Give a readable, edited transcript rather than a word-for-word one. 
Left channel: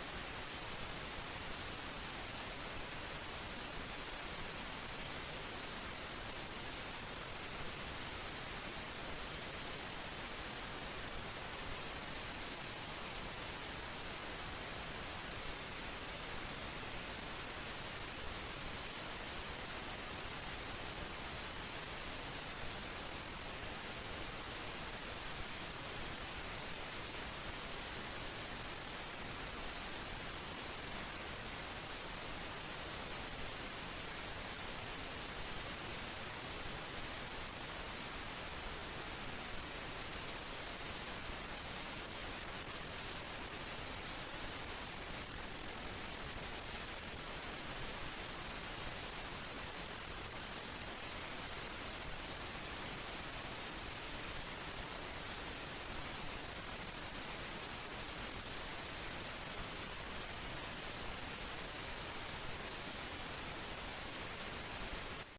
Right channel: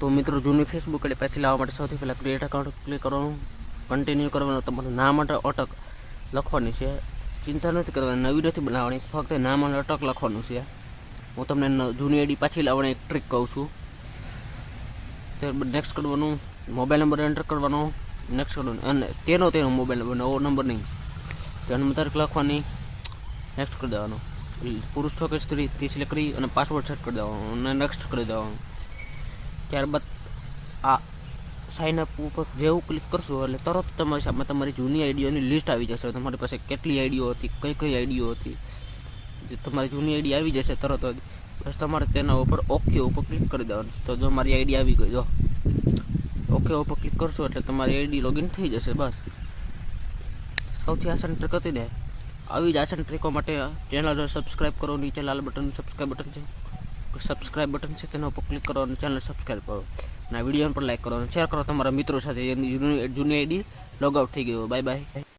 તો મિત્રો જૂની ફેસબુક આઈડી પાછી લાવવા માટે સૌથી પહેલાં ક્રિએટ એકાઉન્ટ ક્લિક કરવાનું, કન્ટિન્યુ કરવાનું, તમારું નામ માટે અટક લખવાની છે, ચિંતા નથી કરવાની, નવી નથી બનાવવાની, ફક્ત નામ અને અટક લખવાનું છે. હું તમને જૂની આઈડી પાછી લાવવાની એક ટ્રીક કહું છું. ત્યારબાદ નેક્સ્ટ કરવાનું, મોબાઈલ નંબર એન્ટર કરવાનો, નેક્સ્ટ કરવાનું, અને તેનો મોબાઈલ નંબર, નવો નંબર નહીં, જન્મ તારીખ લખવાની, નેક્સ્ટ કરી દેવાનું, પુરુષ છો કે સ્ત્રી તે સિલેક્ટ કરી અને પાસવર્ડ સેટ કરી દેવાનો અને નેક્સ્ટ કરી દેવાનું. ત્યારબાદ આ સાઇન અપ ઉપર જેવું ક્લિક કરશો એટલે તરત તમારી સામે તમારી જૂની આઈડીઓની લિસ્ટ આવી જશે. તમારી પાસે કેટલી આઈડીઓ હતી, કઈ કઈ આઈડીઓ હતી, તમારી જૂની આઈડી આવી જશે તરત જ. બસ તમારે તેના ઉપર ઓકે ઉપર ક્લિક કરી દેવાનું. તો જો મારી આઈડી આવી ગઈ, જો ઓકે ઉપર ક્લિક કરશો એટલે તમારી આઈડી લોગિન થઈ જશે. બસ સૌથી આસાન ટ્રીક હતી ને. આવી જ આસાન ટ્રીકો માટે ચેનલ સબસ્ક્રાઈબ કરો. નીચે લાલ બટન સબસ્ક્રાઈબ બટન છે તેના ઉપર ક્લિક કરો અને ચેનલ સબસ્ક્રાઈબ કરો. અને આ વિડીયો પણ લાઈક કરો અને શેર કરો તમારા મિત્રો સાથે. એની જૂની આઈડી લોગ આઉટ થઈ ગયો. Bye bye.